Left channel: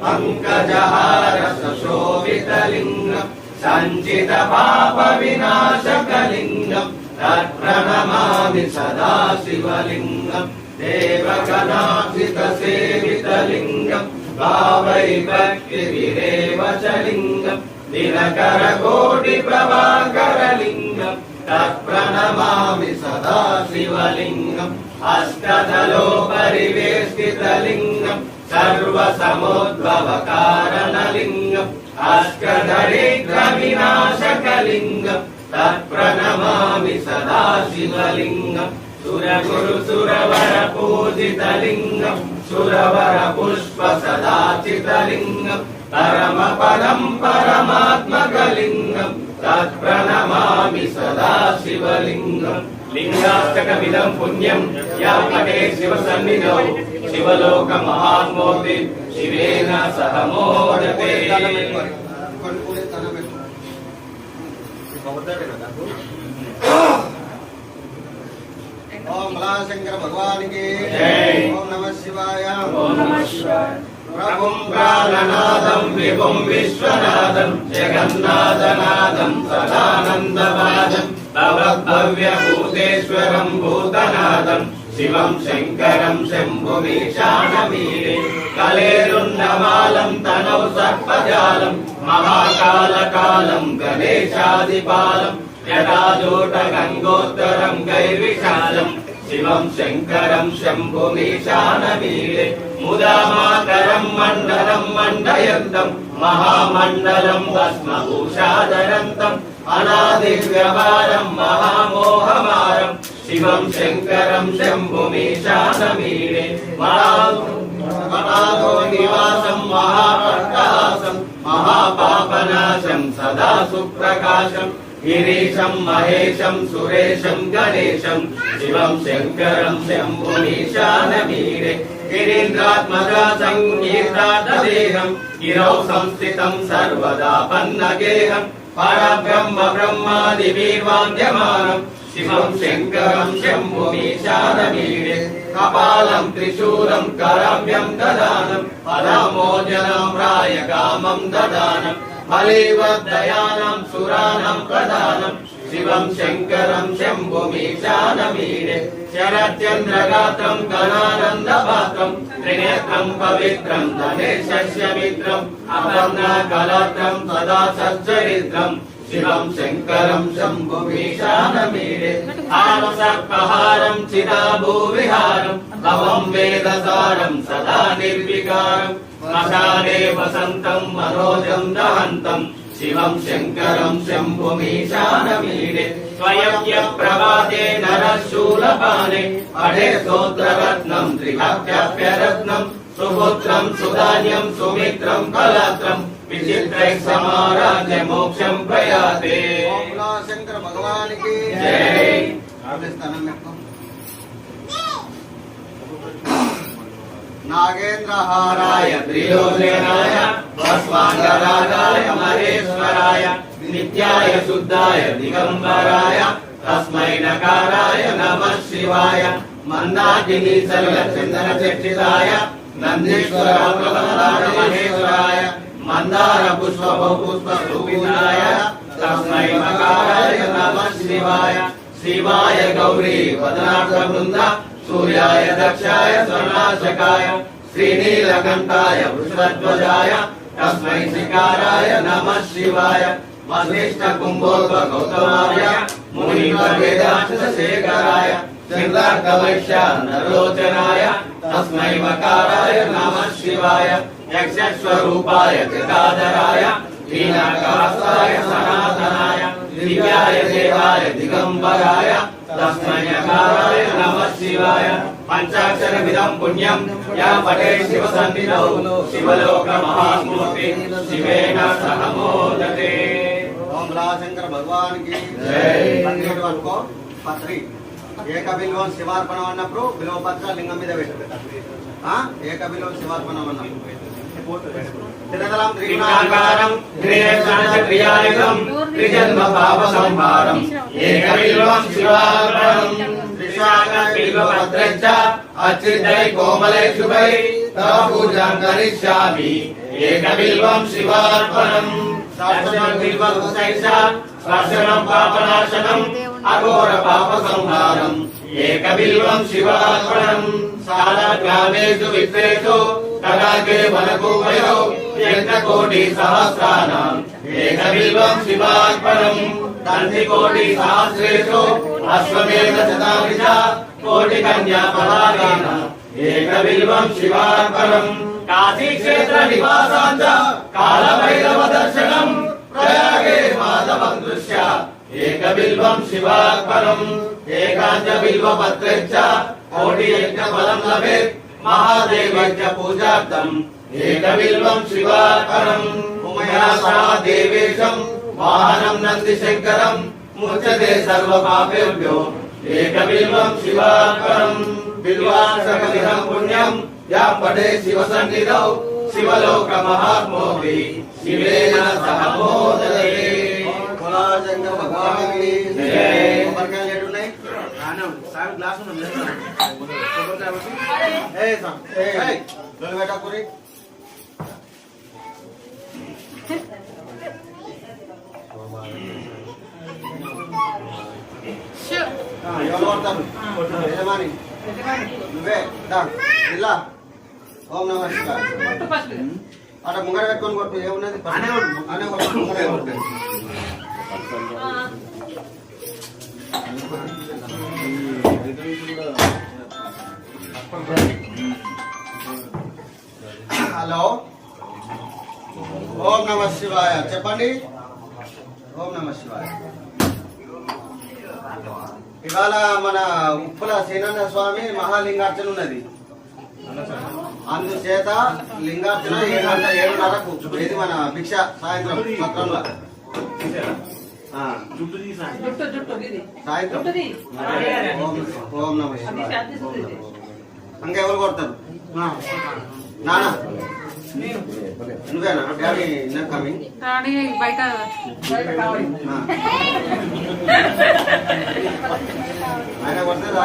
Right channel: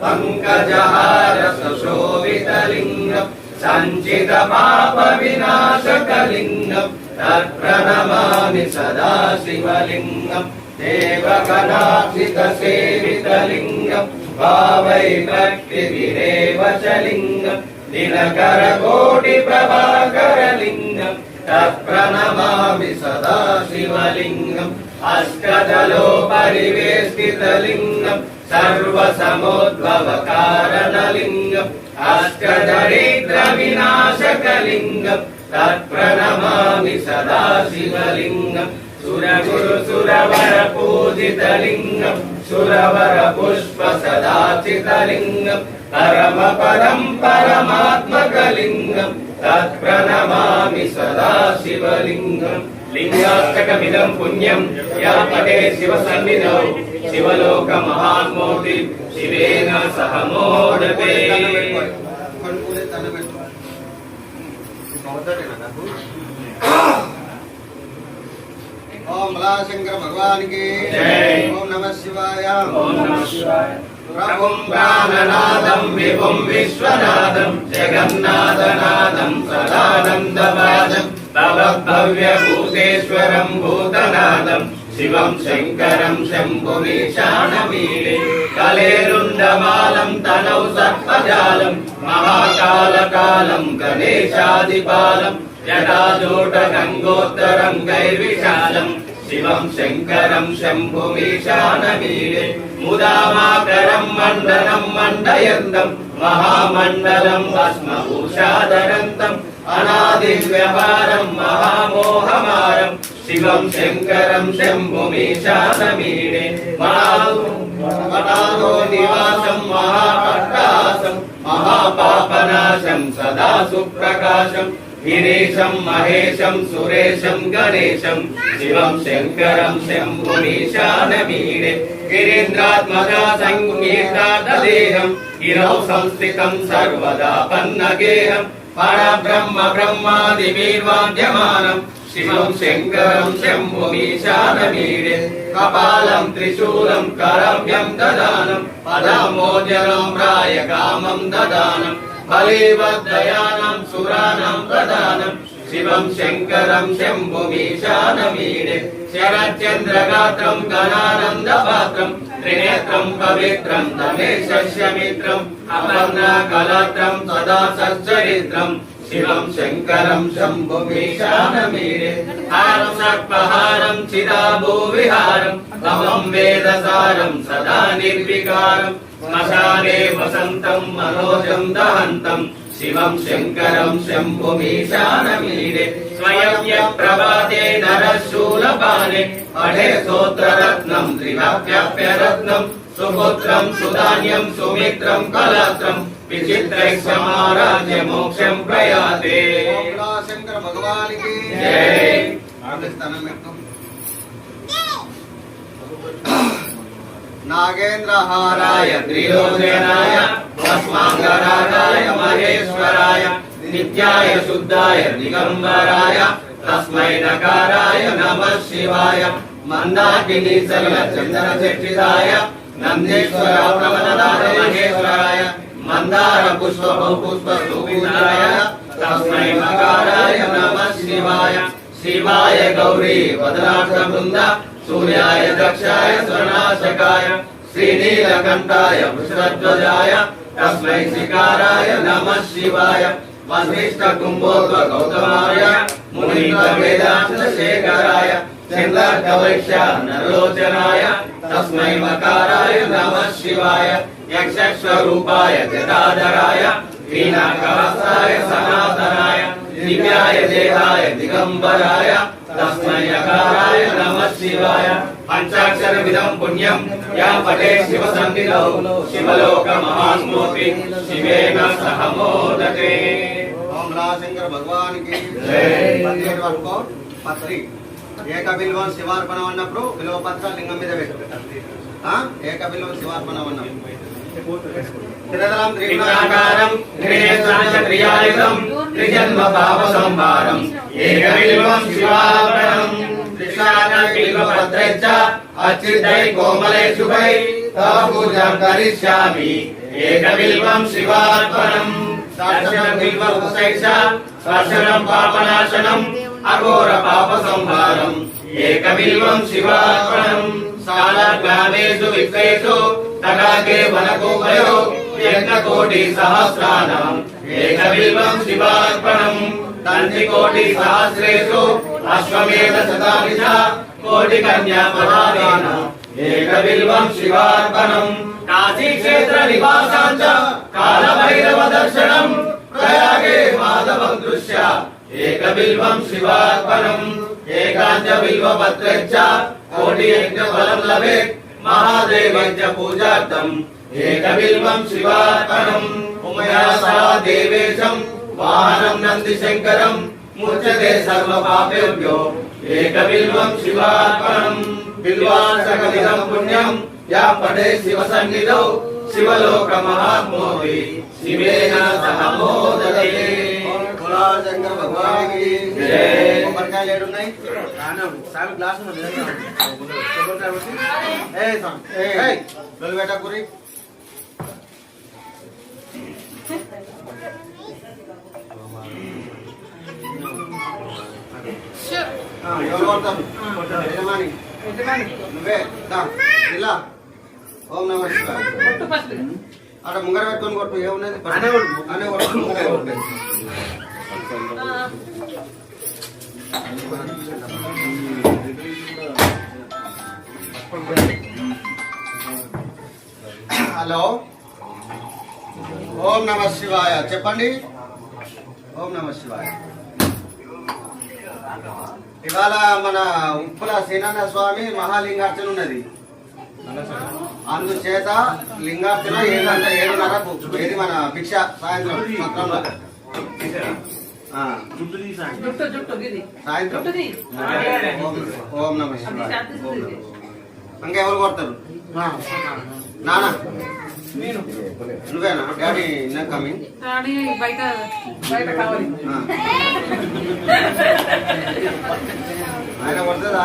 पंकजहार सुशोभितलिंगम् संचित पाप विनाशकलिंगम् तत्प्रणमामि सदा शिवलिंगम् देवगणार्चित सेवितलिंगम् भावै भक्तिभिरेव च लिंगम् दिनकर कोटि प्रभाकरलिंगम् तत्प्रणमामि सदा शिवलिंगम् अष्टदलो परिवेष्टितलिंगम् सर्वसमुद्भवकारणलिंगम् अष्टदरिद्रविनाशकलिंगम् तत्प्रणमामि सदा शिवलिंगम् सुरगुरु सुरवर पूजितलिंगम् सुरवर पुष्प सदाचितलिंगम् परम पदम् परमात्मकलिंगम् तत्प्रणमामि सदा शिवलिंगम् लिंगाष्टकमिदं पुण्यं यः पठे शिवसन्निधौ शिवलोक महान्मोति शिवेन सह मोदते। ओम शंकर भगवान की जय। ओम नमः शिवाय। ओम नमः शिवाय। प्रभुं प्राणनादं विभुं विश्वनाथं जगन्नाथनाथं सदानन्दवादं तव भव्यभूतेश्वरं भूतनाथं शिवं शङ्करं शम्भुमीशानमीडे कलेरुण्डमालं तनौ सर्पजालं महाकालकालं गणेशादिपालं जटाजूटगङ्गोत्तरं गैर्विशालं शिवं शङ्करं शम्भुमीशानमीडे मुदामाकरं मण्डलं मण्डयन्तं महामण्डलं भस्मभूषाधरन्तम् अनादिव्यवहारं महामोहमारं शिवं शङ्करं शम्भुमीशानमीडे मनादो निवासं महाकट्टहासं महापापनाशं सदा सुप्रकाशं गिरीशं महेशं सुरेशं गणेशं शिवं शङ्करं शम्भुमीशानमीडे गिरीन्द्रात्मजा संगीतादेहं गिरौ संस्थितं सर्वदा पन्नगेहं परब्रह्म ब्रह्मादिवीर्वाद्यमानं शिवं शङ्करं शम्भुमीशानमीडे कपालं त्रिशूलं करव्यं ददानं पदमोजनं रायकामं ददानं बलिवद्दयानं सुरानं प्रदानं शिवं शङ्करं शम्भुमीशानमीडे शरच्चन्द्रगात्रं गणानन्दपात्रं त्रिनेत्रं पवित्रं गणेशस्य मित्रम् अपर्णाकलात्रं सदा सच्चरित्रं शिवं शङ्करं शम्भुमीशानमीडे हारं सर्पहारं चिदाभूविहारं भवं वेदसारं सदा निर्विकारं श्मशाने वसन्तं मनोजं दहन्तं शिवं शङ्करं शम्भुमीशानमीडे स्वयं प्रभाते नरशूलपाणे पठे स्तोत्ररत्नं त्रिकाप्यरत्नं सुपुत्रं सुधान्यं सुमित्रं कलात्रं विचित्रैः समाराज्य मोक्षं प्रयाते। ओम शंकर भगवान की जय। नागेन्द्रहाराय त्रिलोचनाय भस्मांगरागाय महेश्वराय नित्याय शुद्धाय दिगंबराय तस्मै नकाराय नमः शिवाय मंदाकिनी सर्गचंदन चर्चिताय नंदीश्वर प्रबलनाथ महेश्वराय मंदार पुष्प पुष्प शोभिताय तस्मै नकाराय नमः शिवाय शिवाय गौरी वदनाथ वृंद सूर्याय दक्षाय स्वर्णाशकाय श्रीनीलकण्ठाय वृषध्वजाय तस्मै शिकाराय नमः शिवाय वसिष्ठ कुम्भोद्भव गौतमाय मुनीन्द्रवेदान्तशेखराय चिन्तार्कवैश्य नरलोचनाय तस्मै मकाराय नमः शिवाय यक्षस्वरूपाय जटाधराय वीणाकवासाय सनातनाय दिव्याय देवाय दिगंबराय तस्मै नकाराय नमः शिवाय पंचाक्षरमिदं पुण्यं यः पठे शिवसन्निधौ शिवलोक महान्मोति शिवेन सह मोदते। ओम शंकर भगवान की जय। पत्री ఏకబిల్వం శివార్పణం అన్నప్పుడు బిల్వపత్ర లింగం మీద పెట్టాలి. ఏకబిల్వం శివార్పణం అన్నప్పుడు త్రినాకారం త్రినేత్రనచక్రియాయుధం త్రిజన్మ పాప సంహారం ఏకబిల్వం శివార్పణం త్రిశాఖ బిల్వపత్రచ్చ అచ్యుతై కోమలై శుభై తవ పూజాం కరిష్యామి ఏకబిల్వం శివార్పణం దర్శనం బిల్వముసైష స్పర్శనం పాపనాశనం అఘోర పాప సంహారం ఏకబిల్వం శివార్పణం సాలగ్రామేషు విశ్వేషు తడాకే వనకూపయో యజ్ఞకోటి సహస్రాణం ఏకబిల్వం శివార్పణం తంత్రికోటి సహస్రేషు అశ్వమేధ శతాభిష కోటి కన్యా పదారేణ ఏకబిల్వం శివార్పణం కాశీ క్షేత్ర నివాసాంచ కాలభైరవ దర్శనం ప్రయాగే మాధవ దృశ్య ఏకబిల్వం శివార్పణం ఏకాంచ బిల్వ పత్రచ్చ కోటి యజ్ఞ ఫలం లభేత్ మహాదేవజ్ఞ పూజార్థం ఏకబిల్వం శివార్పణం ఉమయా సహ దేవేశం వాహనం నంది శంకరం ముచ్యతే సర్వ పాపేభ్యో ఏకబిల్వం శివార్పణం బిల్వార్చకమిదం పుణ్యం యా పఠే శివ సన్నిధౌ శివలోక మహాత్మోపి శివేన సహ మోదతే శంకర భగవానికి కొబ్బరికాయలు ఏడున్నాయి సార్ గ్లాస్ పెట్టకురి ఎవరు కొడతాను యజమాని నువ్వే ఇలా ఓం నమ శివాయ అక్కడ ముంగర పెట్టుకుని కొట్టు ఏమున్నది అనే కొట్టు హలో ఓం నమ శివాయ చెప్పండి ఓం నమ శివాయ ఇవాళ మన ఉప్పుల శ్రీనారాయణ స్వామి మహాలింగార్చన ఉన్నది అందుచేత లింగార్చన 7:30కు ఇది మన భిక్ష సాయంత్రం సత్రంలో సాయంత్రం ఓం నమ శివాయ ఇంకా ఎవరు కొడతారు నానా నువ్వేనా డాడీ కమింగ్ బయట ఆయన కొడతారు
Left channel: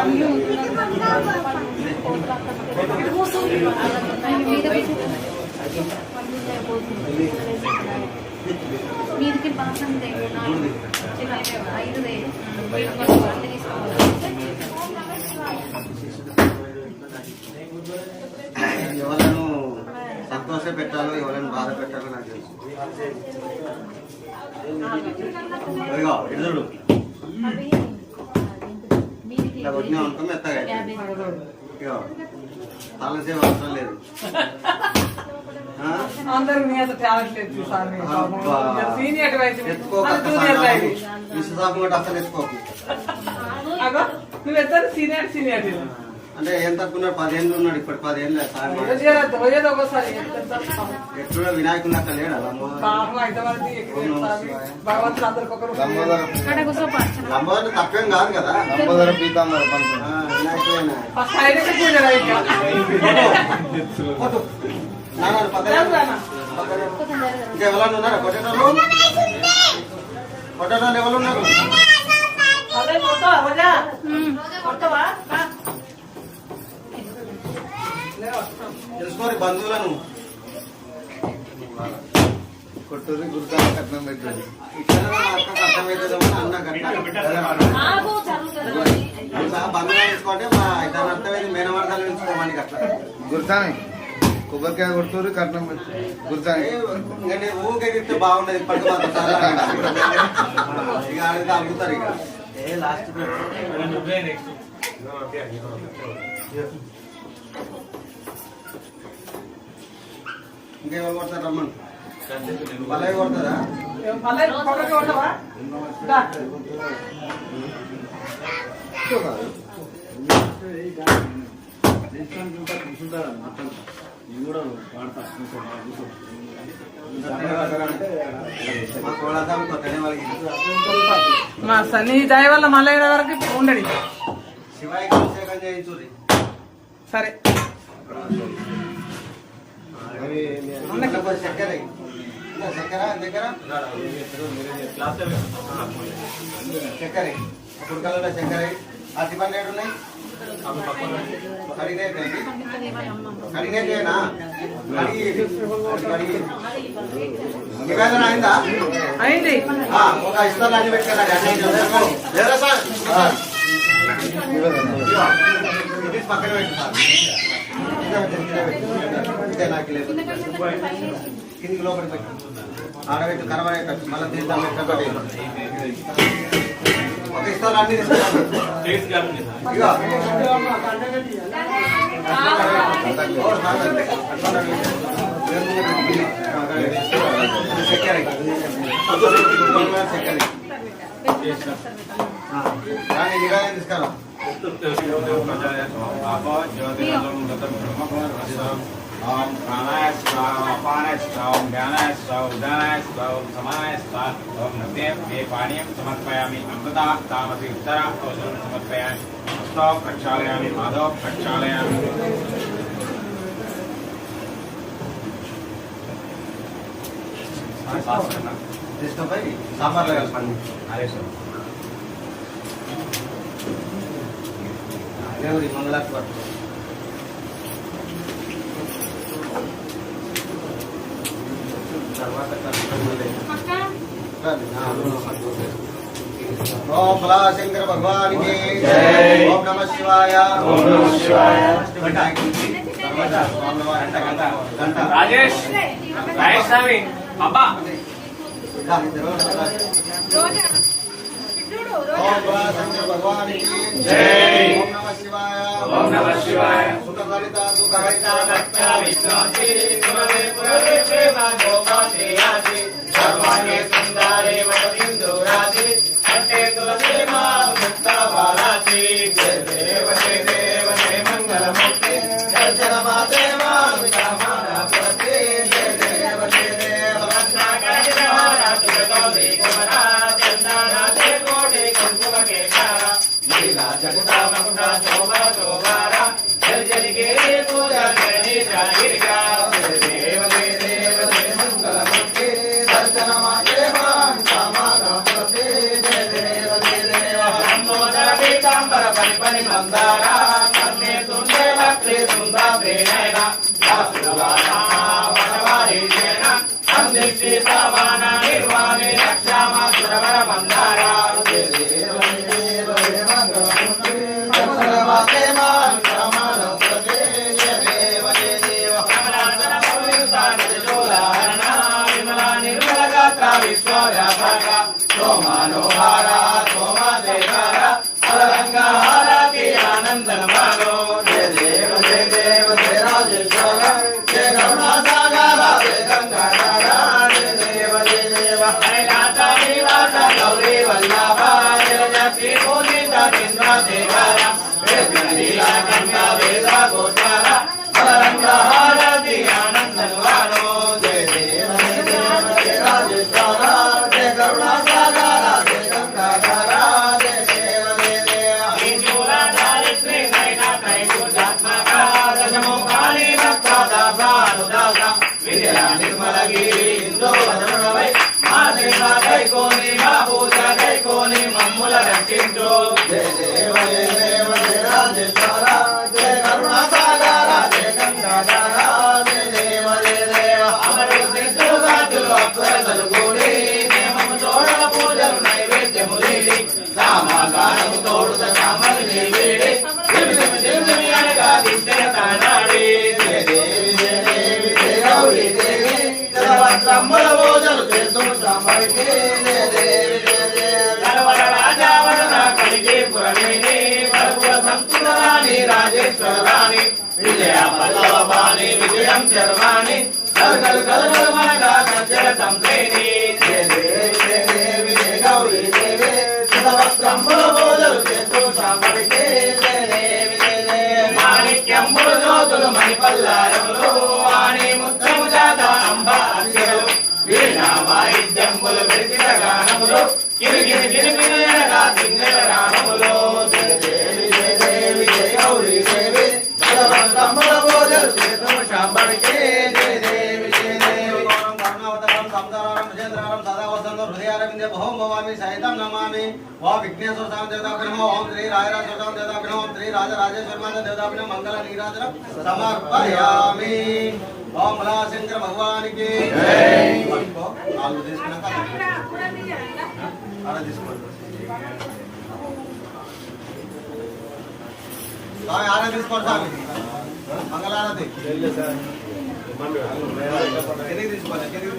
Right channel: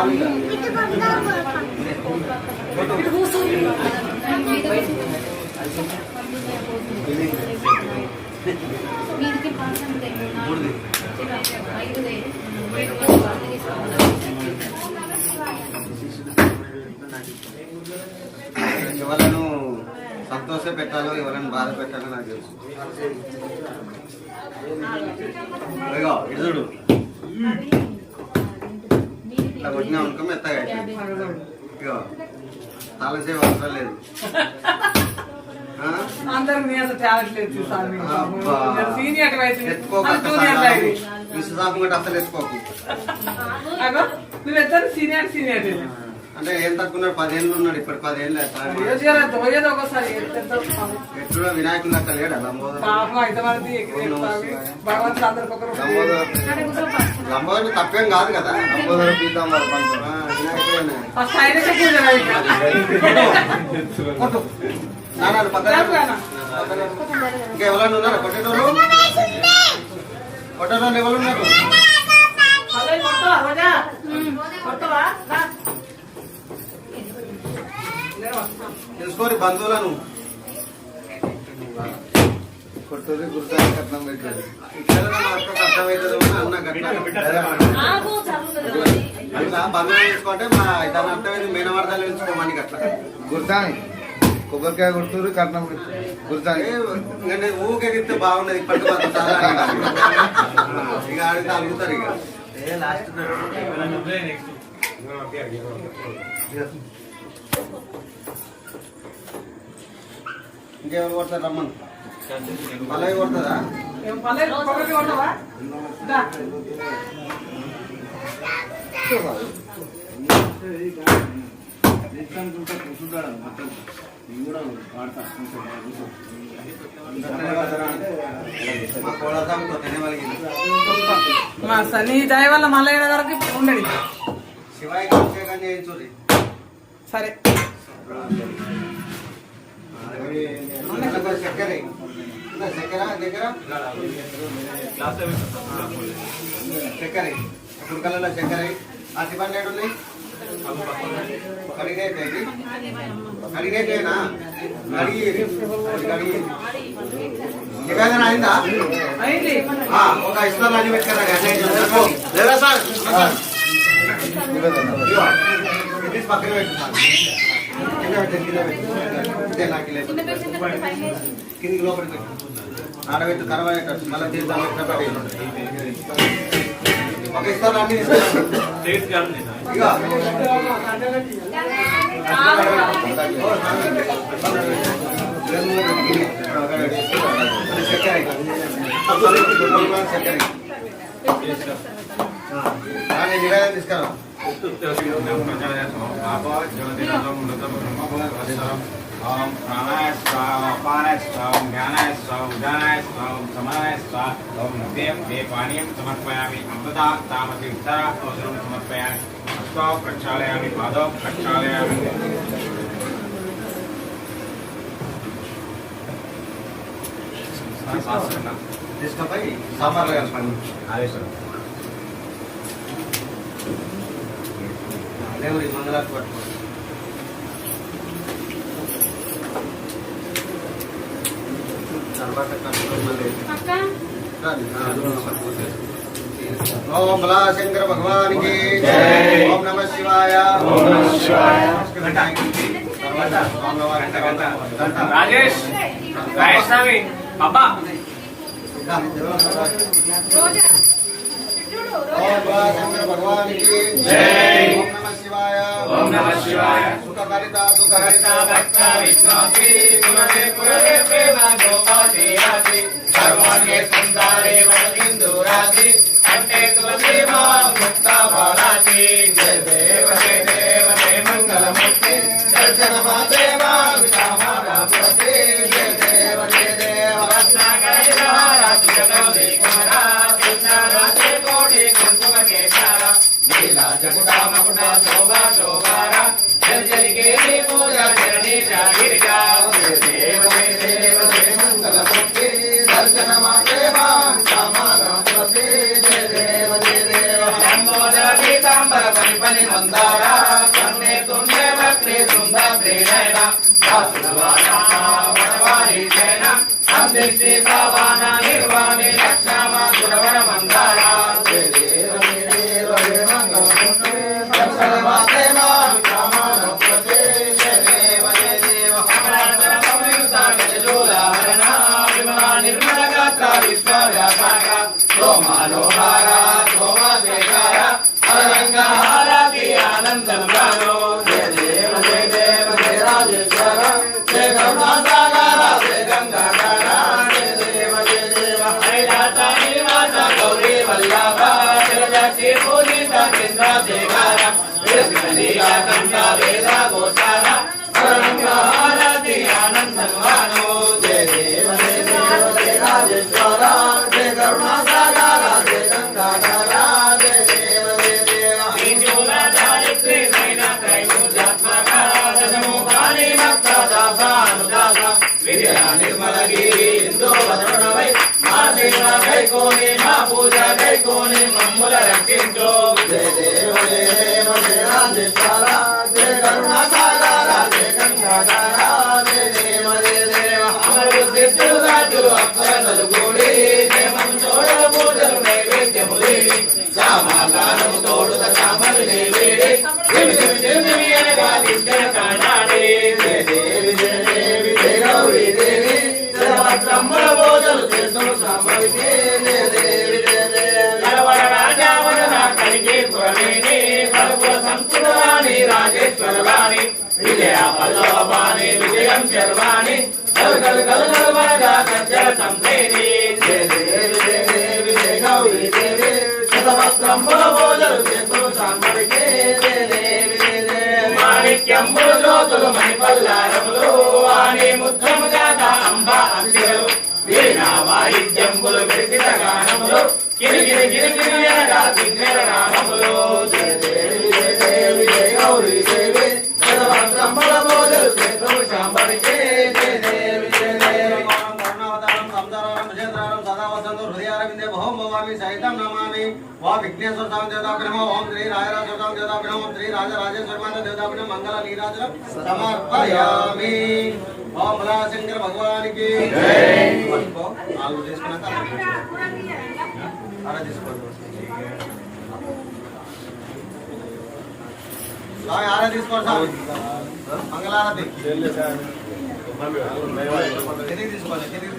వీరికి పాసం ఎవరను సంతోష పెట్టాలో ఎవరైనా బాధ పెట్టాలో నాకు తెలుసు ఎదుడు కొట్టినా అనుకో మెత్తగా తాళసేవ అవసరం లేదు అందరూ మీ అంత టాలెంట్ లేదు విశ్వసాపం అసలు ఎత్తుకోకు నువ్వు ఎత్తారు సీనియర్ అంటే ఏం తక్కువ 10 ఏళ్ళు ఉన్నాడు ఇప్పుడు 10 ఏళ్ళు ఎట్లా వినాయకుడు అక్కడ లేడు లంబోదరు తప్పేం కాదు కదా లంబోదర పీతాంబర వినాయకుడు ఇంకా ఎవరన్నా ఉన్నారా కొట్టేటోళ్ళు ఎవరు ఉన్నారు తెలుసుకోని బంధువులను కొట్టది గుర్తు కట్నం పెట్టేది అర్థమవుతుంది అన్న అట్లా బంధువులు తెలుసుకుంటే మా దాని అర్థమైంది మేనమర్దాలు తెలుసుకోమని అట్లా గుర్తాని కొబ్బరికాయ కొడుతురు కట్నం గుర్తాని ఊకెగిరితే బాగున్నది ఇప్పటికి ఇక అడిగితే అడుగుతారు ఇక లాస్ట్ ఇంకేమో కొడతారు రమ్మను పల్లవి కొడుతుందా మా సన్ని దయ వల్ల మళ్ళీ వరకు ఉండడి శివాయికి అభిషేకం చేయించుర్రి సరే చక్కెర చక్కెర దగ్గర చక్కెర కుడుకలలో చక్కెర అతిపన్ను ఏడున్నాయి కడిగేనా నివేదన అయిందా? అయింది. ఒక ఇస్తారు అన్ని పెట్టుకున్నా లేదా సార్ పక్కన పెట్టుకున్నాను కిందికి లోపలికి పెట్టు ఆడబెట్టు తర్వాత మళ్ళీ తీర్థం ఒక ఇస్తారు అన్ని దాన్ని నివేదన తీసుకురా ओम प्राणाय स्वाहा अपानाय स्वाहा ओम ज्ञानाय स्वाहा उदानाय स्वाहा ओम समानाय स्वाहा ओम नद्ये पानीयं समर्पयामि अमृता तामपि उत्तरा औषधं समर्पयामि हस्तौ प्रक्षालयामि पादौ प्रक्षालयामि తీసుకొని సాంబార్లో కలపండి అదే సార్ అదే మంగళాకు పట్టు ओम भला शंकर भगवान की जय। ओम नमः शिवाय। ओम नमः शिवाय। राजेश राजेश स्वामी बाबा ओम भला शंकर भगवान की जय। ओम नमः शिवाय। ओम नमः शिवाय। सुखकरिता दुःखहरिता भक्ता विष्णोति कुमरे कुमरे प्रेमा गोपाते याति सर्वाणि सुंदरे वदिन्दुराति कंठे तुलसी मा मुक्ता बालाति जय देव जय देव जय मंगलमूर्ति दर्शन माते मा विचामाना प्रति जय देव रत्नाकर विहारा तुझगौरी कुमारा चंदारा जय कोटि कुंकुम के कारा लीला जगता मकुटा शोभा शोभारा जल जल के पूजा करनी जाहिरगा जय देव जय मंगलमूर्ति दर्शन माते मा विचामाना प्रति जय देव लंबोदरी तांबर परिपनि मंदारा कन्ने तुंडे वक्रे सुंदा प्रेरणा वासुवाना वनवारी जैना संदिग्धे पावाना निर्वाणे रक्षामा सुरवर मंदारा जय देव जय मंगलमूर्ति दर्शन माते मा विचामाना प्रति जय देव कमलाकर पविता गजोदाहरणा विमला निर्मल गात्रा विश्वव्यापका सोमानोहारा सोमाशेखरा तरंगहारति आनंदं गानो जय देव जय राजेश्वर जय करुणासागरा जय गंगाधरा जय देव हरिनाथा निवासा गौरी वल्लभा जय लक्ष्मी पूजिता चंद्रशेखरा जगन्नाथ गंगा वेदा गोचारा तरंगहारति आनंदं गानो जय देव जय राजेश्वर जय करुणासागरा जय गंगाधरा जय देव विजोला दारिद्र्य नैना त्रैलोक्यात्मका दशमुखानि भक्तदासानुदासा विजया निर्मलगिरि इंदो వదరుడవై మా సేవ కైకోని మా పూజ కైకోని మమ్ముల రక్షించు జయ దేవ జయ రాజేశ్వర జయ కరుణాసాగర జయ గంగాధర జయ దేవ అమరు సిద్ధులు రాజులు అప్సరసలు కూడి జయమము తోడల పూజలు నైవేద్యములి సామాగానము తోడుత సామలు నేవేడి దివ్య అనగా దివ్యన కానాడి జయ దేవి జయ గౌరీ దేవి జలవత్సంబుల పూజలు చేస్తున్న సామవికి జయ దేవి కరవర రాజావరణ కలిగే పురమేని కరువుల సంస్కృతాని రాజేశ్వర రాణి విజయ పల్లవాణి విజయం శర్వాణి కలుగలు కలుగలు మనగా సజ్జల సంప్రేణి జయ దేవి జయ గౌరీ దేవి శతవస్త్రంబుల పూజలు చేస్తున్న సామవికి జయ దేవి మాణిక్యంబులు జ్యోతులు మణిపల్లారములు వాణి ముత్తము దాత అంబ అక్షరలు వీణా వాయిద్యంబులు విరిగిన గానములు గిరిగిరి గిరిగిరి అనగా దిన్నెల రామములు జయ దేవి జయ గౌరీ దేవి శతవస్త్రంబుల పూజలు చేస్తున్న సామవికి జయ దేవి కరుణావతారం సంతానం విజేంద్ర वरारं सदा वसन्तो हृदयारविन्दे ओम भवामि सहितं नमामि ओम विघ्नेश्वर स्वामी देवताभ्यो ओम श्री राजराज स्वामी देवताभ्यो ओम श्री राजराजेश्वर माता देवताभ्यो मंगल नीराजन समर्पयामि ओम भोलाशंकर भगवान की जय। आलू తీసుకున్నాక आरा తీసుకోండి సాయి ఆరా తీసుకోండి సాయి మంగళారతి కిందికి తీసుకోండి కిందికి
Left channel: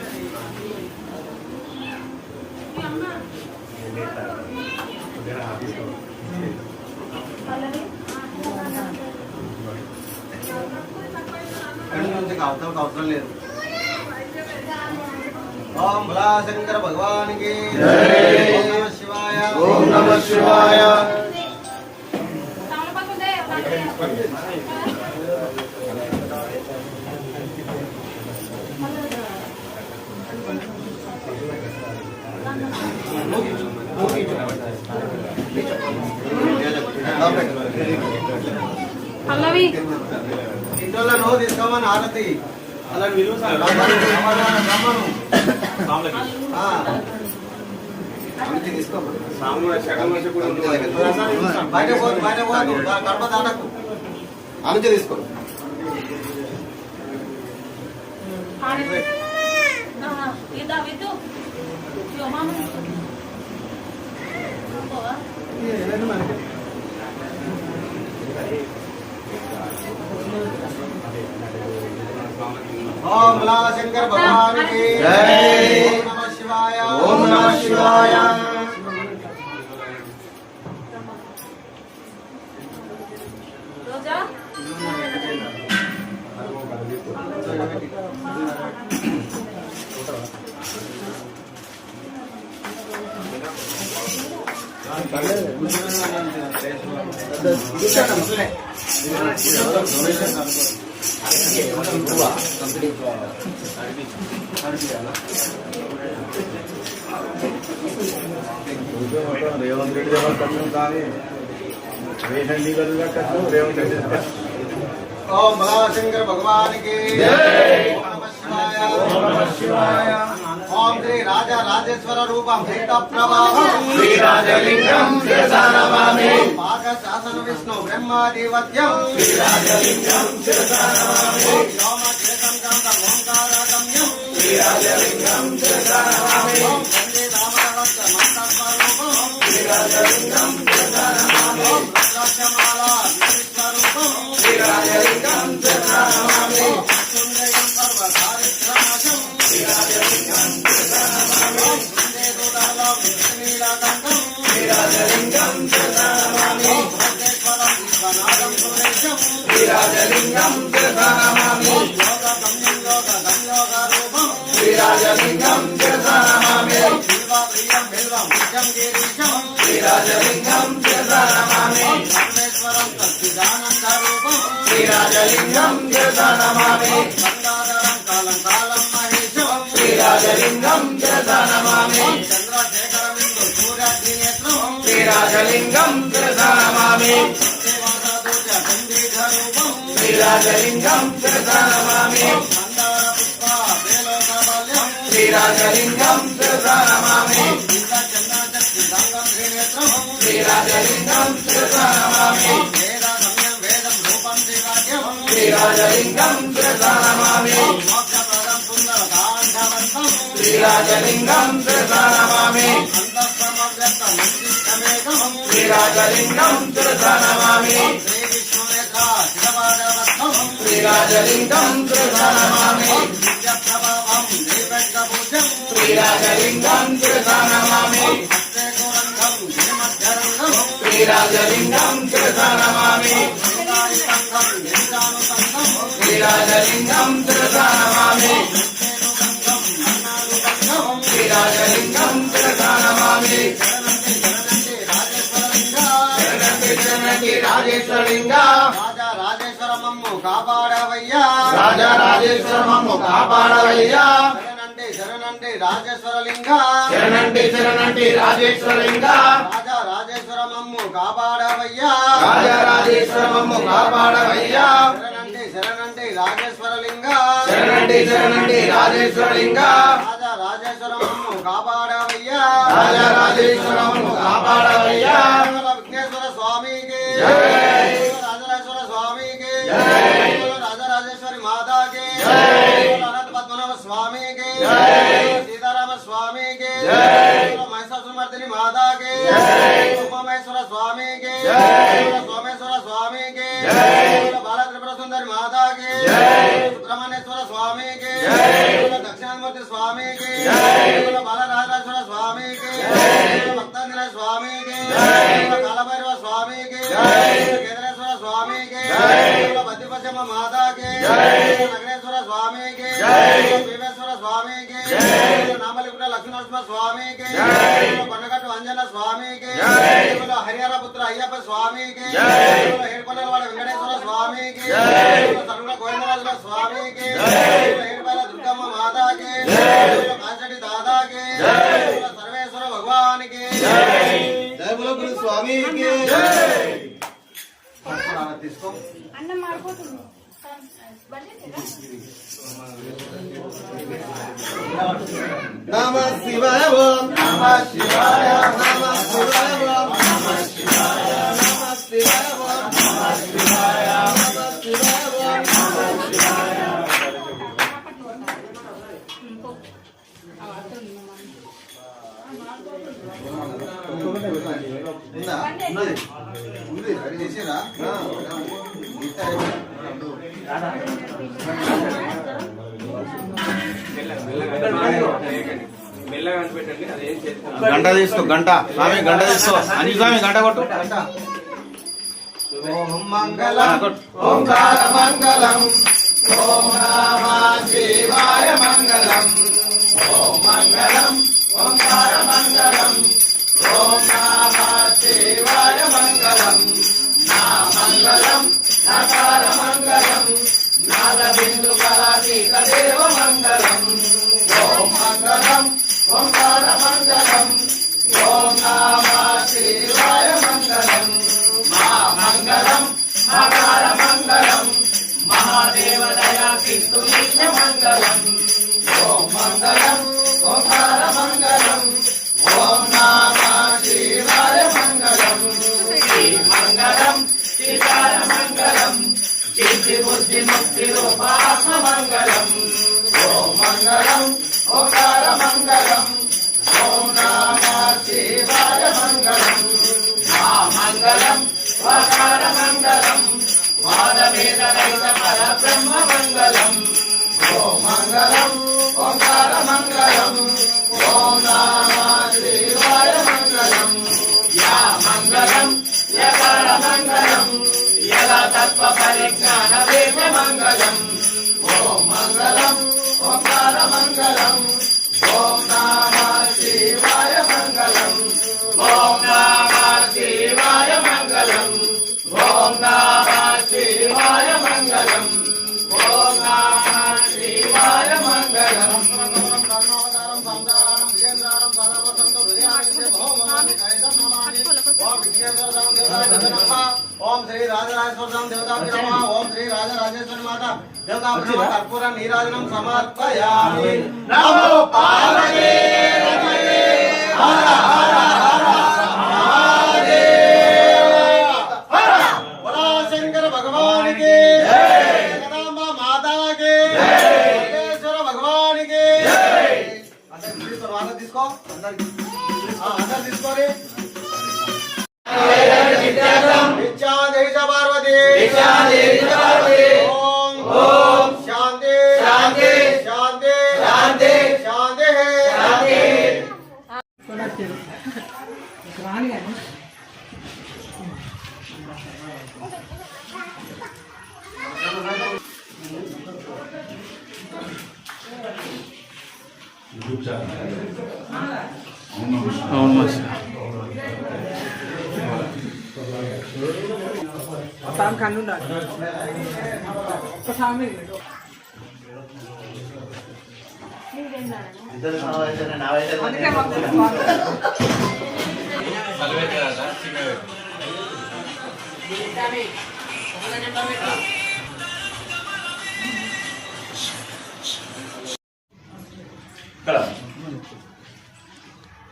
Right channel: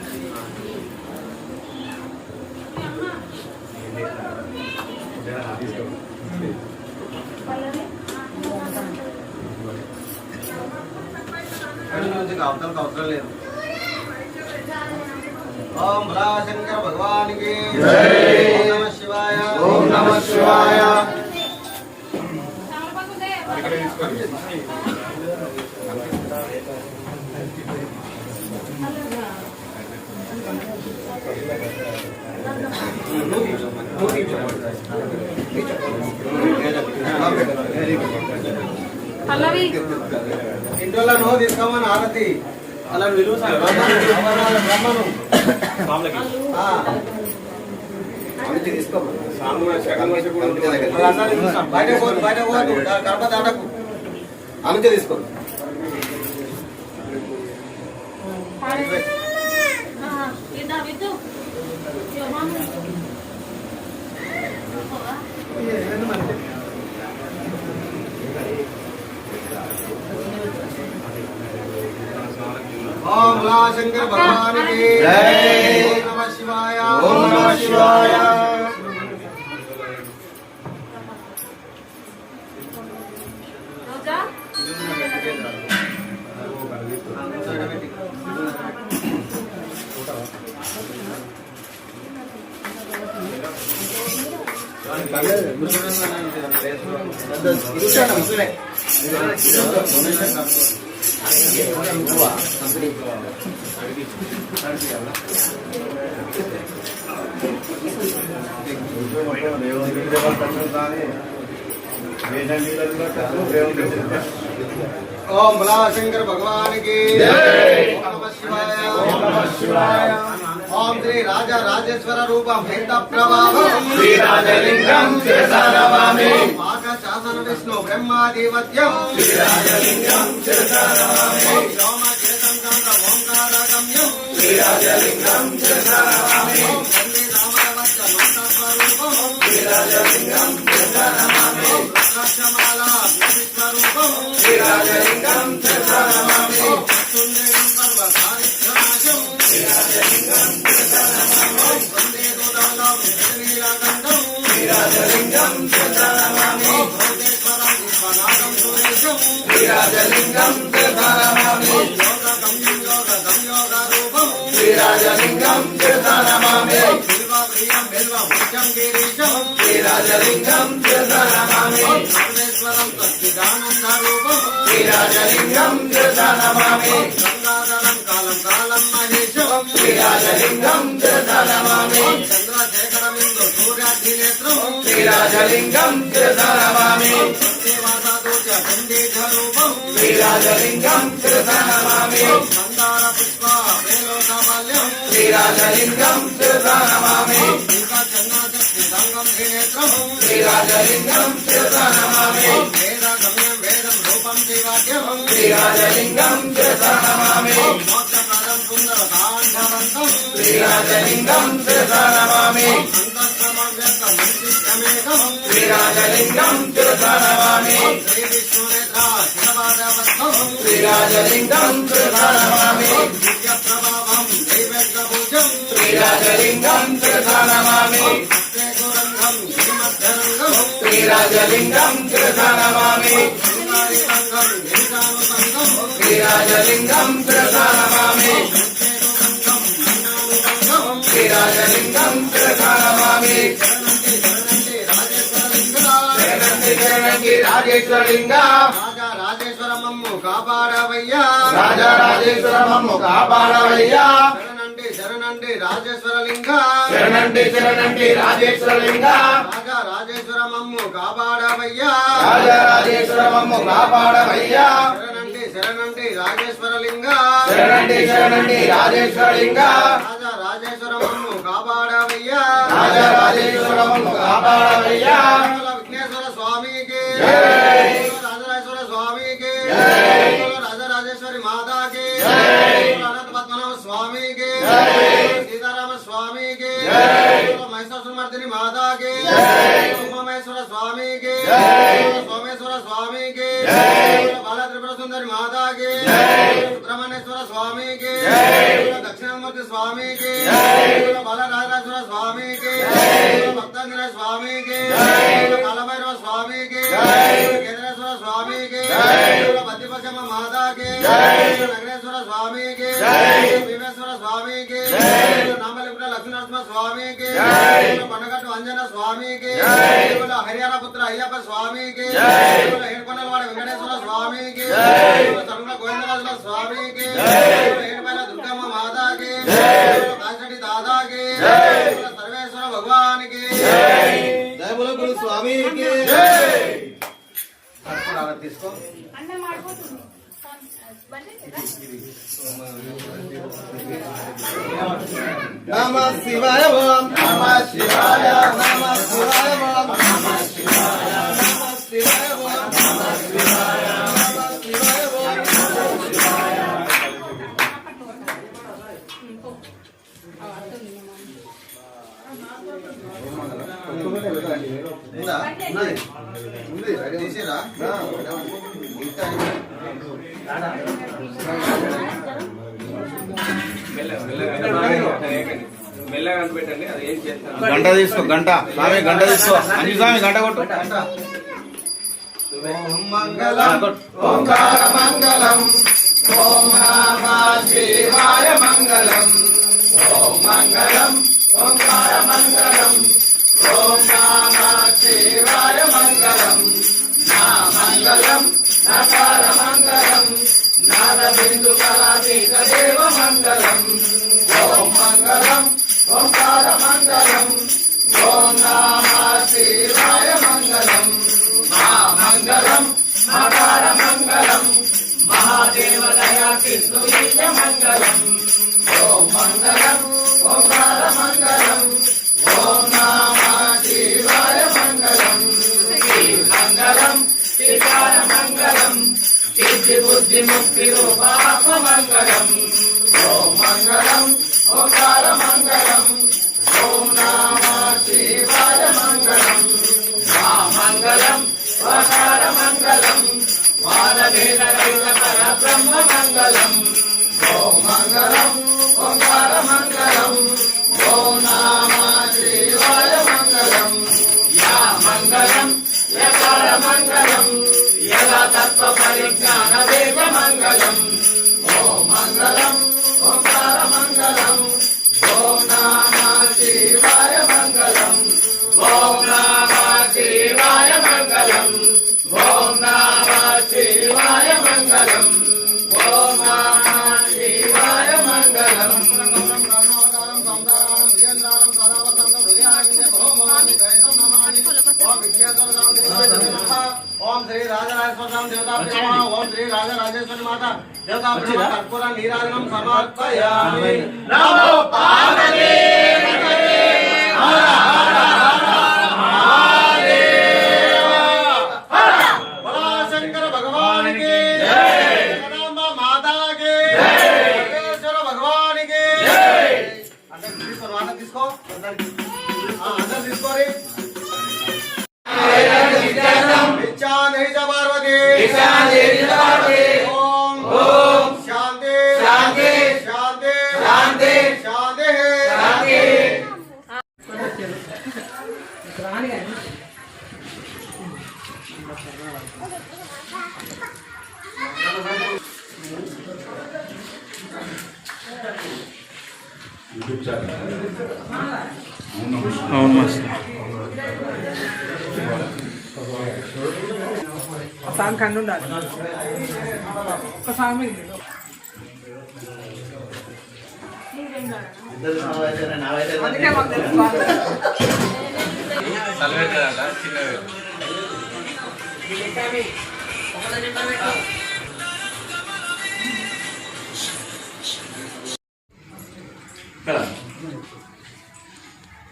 అవసరం లేదు ఓం భోలాశంకర భగవాన్ కి జై ఓం నమః శివాయ ఓం నమః శివాయ పల్లవి ఇంట్లో నువ్వు తీసుకోమని ఆరతి అలా విలువ గర్భ దాటకు అనుమతి తీసుకో ओम भोलाशंकर भगवान की जय ओम नमः शिवाय ओम नमः शिवाय రోజా ओम भोलाशंकर भगवान की जय ओम नमः शिवाय ओम नमः शिवाय ओम श्री राजा राजेश्वर रूपम भेद प्रवाहम श्री राजलिंगम शिरसा नमामि पाक शासन विष्णु ब्रह्मादिवत्यम श्री राजलिंगम शिरसा नमामि ओम सोमकेतम गंगा ओंकारगम्यम श्री राजलिंगम शिरसा नमामि ओम वंदे रामवत्त मंत्रस्वरूपम श्री राजलिंगम शिरसा नमामि ओम रुद्राक्षमाला विष्णुस्वरूपम श्री राजलिंगम शिरसा नमामि ओम तुंगयं पर्वतारिक्रमशं श्री राजलिंगम शिरसा नमामि ओम वंदे दूतालं विष्णुनीलकण्ठं श्री राजलिंगम शिरसा नमामि ओम भद्रेश्वरं विश्वनाथं सुरेशं श्री राजलिंगम शिरसा नमामि ओम योगगं योगरूपं श्री राजलिंगम शिरसा नमामि ओम बिल्वप्रियं बिल्वमुख्यं गिरीशं श्री राजलिंगम शिरसा नमामि ओम सर्वेश्वरं सच्चिदानन्दरूपं श्री राजलिंगम शिरसा नमामि ओम गंगाधरं कालं कालं महेशं श्री राजलिंगम शिरसा नमामि ओम चन्द्रशेखरमिन्दु सूर्याग्निनेत्रं श्री राजलिंगम शिरसा नमामि ओम सत्यवासदोष चण्डीधरूपं श्री राजलिंगम शिरसा नमामि ओम मंदार पुष्पा वेलोकमल्यं श्री राजलिंगम शिरसा नमामि ओम गंगाचन्द्रशक्तिसंगं त्रिनेत्रं श्री राजलिंगम शिरसा नमामि ओम वेदगम्यं वेदं रूपं दिवाक्यं श्री राजलिंगम शिरसा नमामि ओम मोक्षप्रदं सुन्दरकान्धमन्तं श्री राजलिंगम शिरसा नमामि ओम अन्तःसमव्यक्तमन्दिष्टमेकं श्री राजलिंगम शिरसा नमामि ओम श्रीविष्णुनेत्रा शिवभागवत्तं श्री राजलिंगम शिरसा नमामि ओम दिव्यप्रभावं दैवज्ञभुजं श्री राजलिंगम शिरसा नमामि ओम हस्ते गोरङ्गं गिरिमध्यरङ्गं श्री राजलिंगम शिरसा नमामि ओम शृङ्गारितङ्गं गिरिजानुसङ्गं श्री राजलिंगम शिरसा नमामि ओम श्री राजलिंगम शिरसा नमामि రాజేశ్వరలింగ రాజా రాజేశ్వరమమ్ము కాపాడవయ్యా రాజా రాజేశ్వరమమ్ము కాపాడవయ్యా శరణండి శరణండి రాజేశ్వరలింగ శరణండి శరణండి రాజేశ్వరలింగ రాజా రాజేశ్వరమమ్ము కాపాడవయ్యా రాజా రాజేశ్వరమమ్ము కాపాడవయ్యా శరణండి శరణండి రాజేశ్వరలింగ శరణండి శరణండి రాజేశ్వరలింగ రాజా రాజరాజేశ్వరము కాపాడవయ్యా రాజరాజేశ్వరము కాపాడవయ్యా విఘ్నేశ్వర స్వామికి రాజరాజేశ్వర స్వామికి రాజరాజేశ్వరి మాతాకి అనంత పద్మనాభ స్వామికి సీతారామ స్వామికి మహిషాసురమర్దిని మాతాకి ఉమామహేశ్వర స్వామికి సోమేశ్వర స్వామికి బాలత్రిపుర సుందరి మాతాకి సుబ్రహ్మణ్యేశ్వర స్వామికి దక్షిణామూర్తి స్వామికి బాలరాజేశ్వర స్వామికి భక్తాంజనేయ స్వామికి కాలభైరవ స్వామికి కేదారేశ్వర స్వామికి బద్దిపచ్చమ్మ మాతాకి నగరేశ్వర స్వామికి భీమేశ్వర స్వామికి నామలిపుర లక్ష్మీనరసింహ స్వామికి కొండగట్టు అంజన స్వామికి హరిహర పుత్ర అయ్యప్ప స్వామికి ఏడుకొండలవాడ వెంకటేశ్వర స్వామికి తలుగుల గోవిందరాజుల స్వామికి ఏడుపైల దుర్గమ్మ మాతాకి కాంచటి దాదాకి సర్వేశ్వర భగవానికి జయ బోలో గురు స్వామికి తీసుకో అన్నం మాడిపోతుంది నమ శివాయ ఓం నమ శివాయ నమ శివాయ ఓం నమ శివాయ నమ శివాయ ఓం నమ శివాయ నమ శివాయ ఓం నమ శివాయ ఉందా ఉన్నది ఉంది తీసిరా గంట తీసుకో గంట స్వామి గంట తీసుకో అంజు స్వామి గంట కొట్టు ఓం మంగళం ఓంకార మంగళం ఓం నమ శివాయ మంగళం ఓం మంగళం ఓంకార మంగళం ఓం నమ శివాయ మంగళం నా మంగళం నకార మంగళం నాద బిందు కళాతీత దేవ మంగళం ఓం మంగళం ఓంకార మంగళం ఓం నమ శివాయ మంగళం మా మంగళం మకార మంగళం మహాదేవ దయా కిందు మంగళం ఓం మంగళం ఓంకార మంగళం ఓం నమ శివాయ మంగళం శ్రీ మంగళం శ్రీకార మంగళం సిద్ధి బుద్ధి ముక్తి రూపాత్మ మంగళం ఓం మంగళం ఓంకార మంగళం ఓం నమ శివాయ మంగళం మా మంగళం ఓంకార మంగళం వాదవేద రహిత పరబ్రహ్మ మంగళం ఓం మంగళం ఓంకార మంగళం ఓం నమ శివాయ మంగళం యా మంగళం యకార మంగళం యదా తత్వ పరిజ్ఞాన వేద మంగళం ఓం మంగళం ఓంకార మంగళం ఓం నమ శివాయ మంగళం ఓం నమ శివాయ మంగళం ఓం నమ శివాయ మంగళం ఓం నమ శివాయ మంగళం ఓం శ్రీ రాజరాజేశ్వర దేవతాభ్యో నమః ఓం శ్రీ రాజరాజేశ్వరి మాత దేవతాభ్యో నమః కర్పూర నీరాజనం సమర్పయామి నమో పార్వతీ హర హర హర మహాదేవ బోలో శంకర భగవానికి జై జగదాంబ మాతాకి జై సర్వేశ్వర భగవానికి జై అందరూ తీసుకో అందరూ తీసుకోరి ఓం ఓం శాంతి శాంతి శాంతి శాంతి శాంతి రాని కానీ అవును మాస్టర్ సామి కన్ను ఉండాలి ఒక సామి అందుకే మాకు తెలుసు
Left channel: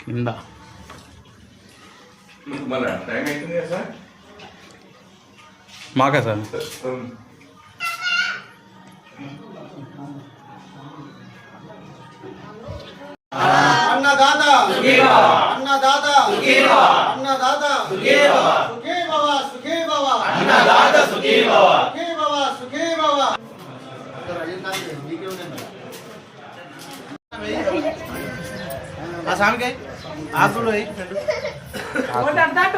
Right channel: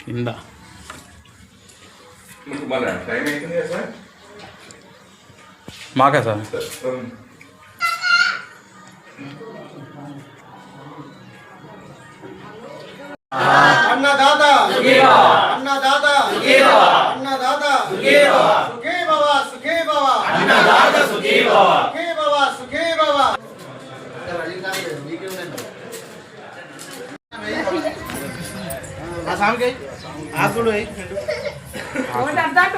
కింద మళ్ళీ టైం అవుతుంది కదా సార్ మాకా సార్ अन्नदाता अन्नदाता अन्नदाता सुखी बाबा सुखी बाबा अन्नदाता सुखी बाबा सुखी बाबा ఒకటి అడ్డాటు